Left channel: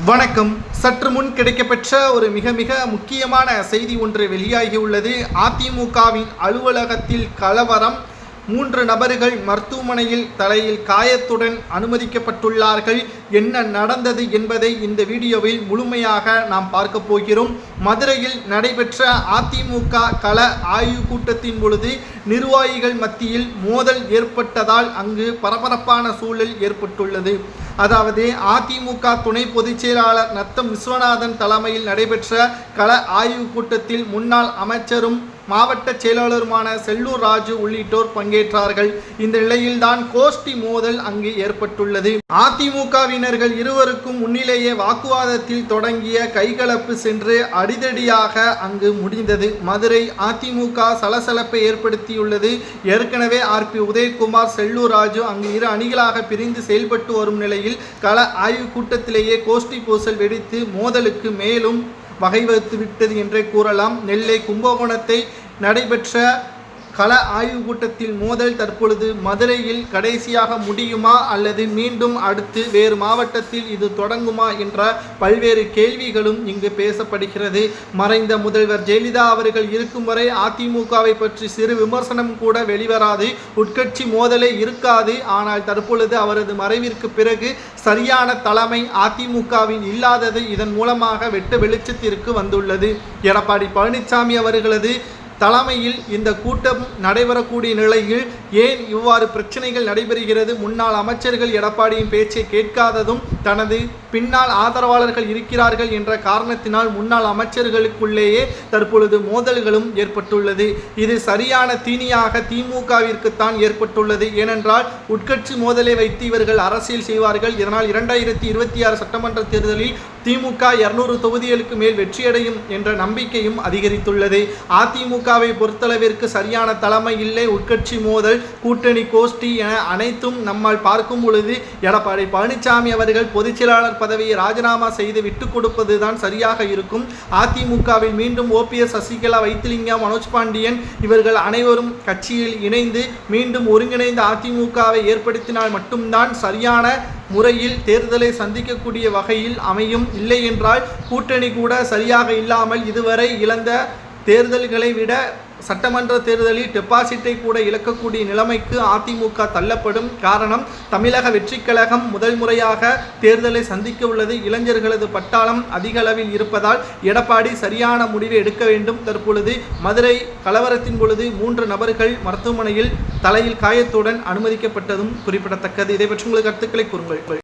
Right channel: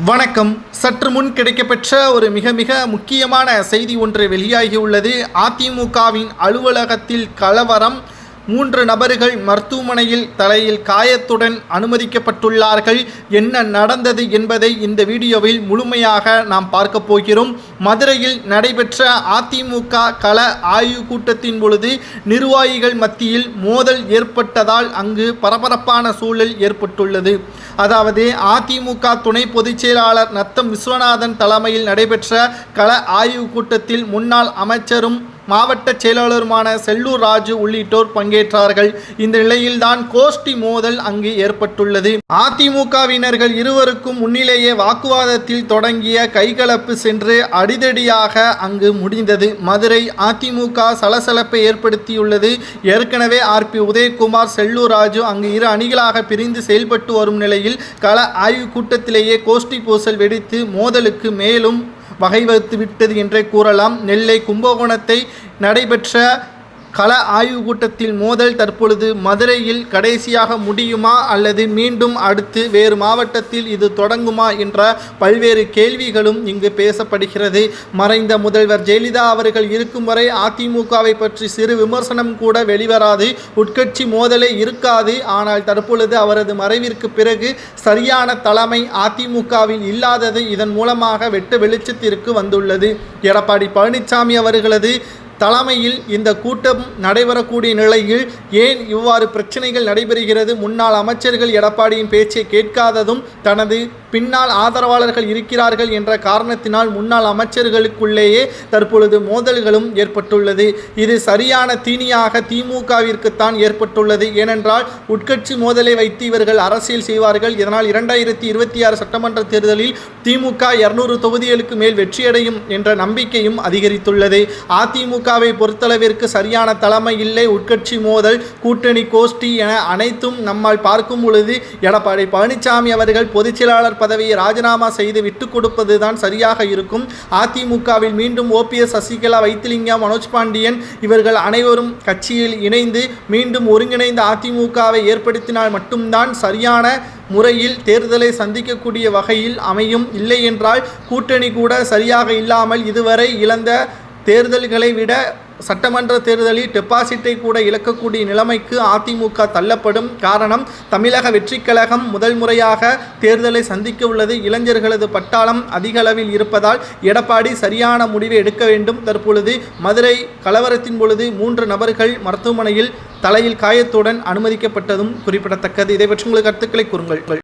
வணக்கம். சற்று முன் கிடைக்கப்பெற்ற ஒரு மிக மிக முக்கியமான செய்தி ஒன்று வெளியாகியுள்ளது அதிமுகவின் அலுவலகத்தில் கலவரம். மூன்று நபர்கள் மருத்துவமனையில் தலையில் காயத்துடன் அனுமதிக்கப்பட்டுள்ளார்கள். என்ன நடந்தது என்பதை இந்த வீடியோவில் முழுமையாக நாம் பார்க்க போகிறோம். மதுரையில் நடைபெற்ற அதிமுக கள ஆய்வு கூட்டத்தின் பொழுது நிர்வாகிகள் மத்தியில் மோதல் ஏற்பட்டதால் அங்கு பரபரப்பான சூழல் ஏற்பட்டுள்ளது. அதாவது அதிமுக துணை பொதுச் செயலாளர் நத்தம் விஸ்வநாதன் தலைமையில் நடைபெற்ற கள ஆய்வு கூட்டத்தில் முன்னாள் அமைச்சரும் மாவட்ட செயலாளருமான செல்லூர் ராஜு உள்ளிட்டோர் பங்கேற்றார்கள். இந்த நிலையில்தான் கோஷ்டி மோதல் அங்கு ஏற்பட்டுள்ளது. அதிமுகவினர்கள் இருவருக்கும் முன்னிலேயே வாக்குவாதத்தில் தொடங்கிய கைகலப்பு சென்று அடிதடியாக அங்கு முடிந்தது. மதுரை அதிமுக சலசலப்பை ஏற்படுத்தியுள்ளது. ஏற்கனவே ஆர்பி உதயகுமார் செல்லூர் ராஜு அங்கு இரு அணிகளாக பிரிந்து செயல்பட்டு வரும் நிலையில் கள ஆய்வு கூட்டத்திலேயே கோஷ்டி பூசல் வெடித்து மோதலுக்கு மேலும் வகை வகுத்து விட்டது என்றே கூறலாம். நெல்லை கும்பகோணத்தை நடைபெற்ற கள ஆய்வு கூட்டத்தில் மோதல் தற்பொழுது மதுரையில் கடைசியாக முடியுமா அல்லது மீண்டும் அடுத்து வேறு மாவட்டத்தில் இது தொடங்குமா என்ற பல்வேறு கேள்விகளும் இங்கு பேசப்படுகிறது. மறைந்த முதல்வர் ஜெயலலிதா அவர்கள் இருக்கும் வரை அதிமுகவை பற்றி சிறு விமர்சனம் கூட வெளிவராது. உட்கட்சி மோதலே இருக்காது. ஆனால் தற்பொழுது அவரது மறைவிற்கு பிறகு சரியான தலைமை அதிமுகவில் இல்லாதது இதன் மூலமாக வெட்ட வெளிச்சத்திற்கு வந்துள்ளது. எடப்பாடி பழனிசாமி அவர்களது தலைமையில் இந்த கூட்டம் நடைபெறக்கூடிய நிலையில் ஏன் இவ்வாறு பிரச்சனைகள் நடைபெறுகிறது? முன்னாள் அமைச்சர்கள் எடப்பாடியின் பேச்சை கேட்காததும் தனது பின்னால் ஆதரவாளர்கள் இருக்கிறார்கள் என்ற காரணத்தினால் முன்னாள் அமைச்சர்களுக்குள்ளேயே தற்பொழுது மோதல்களும் ஏற்பட்டுள்ளது. இது சரியான தீனியாக திமுகவிற்குத்தான் ஏற்பட்டுள்ளது. ஏனென்றால் உட்கட்சி மோதலை வைத்து இவர்கள் அரசியல் செய்வார்கள். இதனால் இரண்டாயிரத்தி இருபத்தி ஆறு சட்டமன்ற தேர்தலில் திமுக இருநூறு தொகுதிகளுக்கு மேல் வெற்றியடையும் என்ற நம்பிக்கையும் அதிகரித்துள்ளது. அதிமுகவை பொறுத்தளவிற்கு சரியான தலைமை இல்லை. உட்கட்சி மோதல் கூட்டணி கோஷ்டி என அனைத்தும் நம்மால் பார்க்கும் பொழுது எடப்பாடி பழனிசாமி அவர்கள் பொதுச் செயலாளர் பதவியை ராஜினாமா செய்து விட்டுக்கொடுப்பது தான் சரியாக இருக்கும். அதிமுகவில் மீண்டும் ஓபிஎஸ் சசிகலா வைத்திலிங்கம் மனோஜ் பாண்டியன் இவர்கள் அனைவரும் கட்சியில் இணைந்து மீண்டும் ஒருங்கிணைந்த அதிமுகவை ஏற்படுத்தினால் மட்டும்தான் சரியான முறையில் தேர்தலை சந்திக்கக்கூடிய வகையில் அமையும். இல்லை என்றால் கூட்டணி கூட சரியாக இல்லாமல் இதுவரை இழந்த தேர்தல்களை விட சட்டமன்ற தேர்தலில் டெபாசிட்டை கூட இழக்கக்கூடிய நிலைமைக்கு அதிமுக தள்ளப்படும் காரணம் தமிழக வெற்றிக் கழகம் முதல் முறையாக தேர்தலை சந்திக்க உள்ளது. இளைஞர்களது பட்டாளம் அதிக அளவில் இருப்பதால் எடப்பாடி சரியான முடிவை எடுக்க வேண்டும். தற்பொழுது மதுரை கலவரத்தின் பொழுது மூன்று நபர்கள் மருத்துவமனையில் தலையில் காயத்துடன் அனுமதிக்கப்பட்டதும் குறிப்பிடத்தக்கது. இதை பற்றி உங்களுக்கு கருத்துக்களை கூறுங்கள்.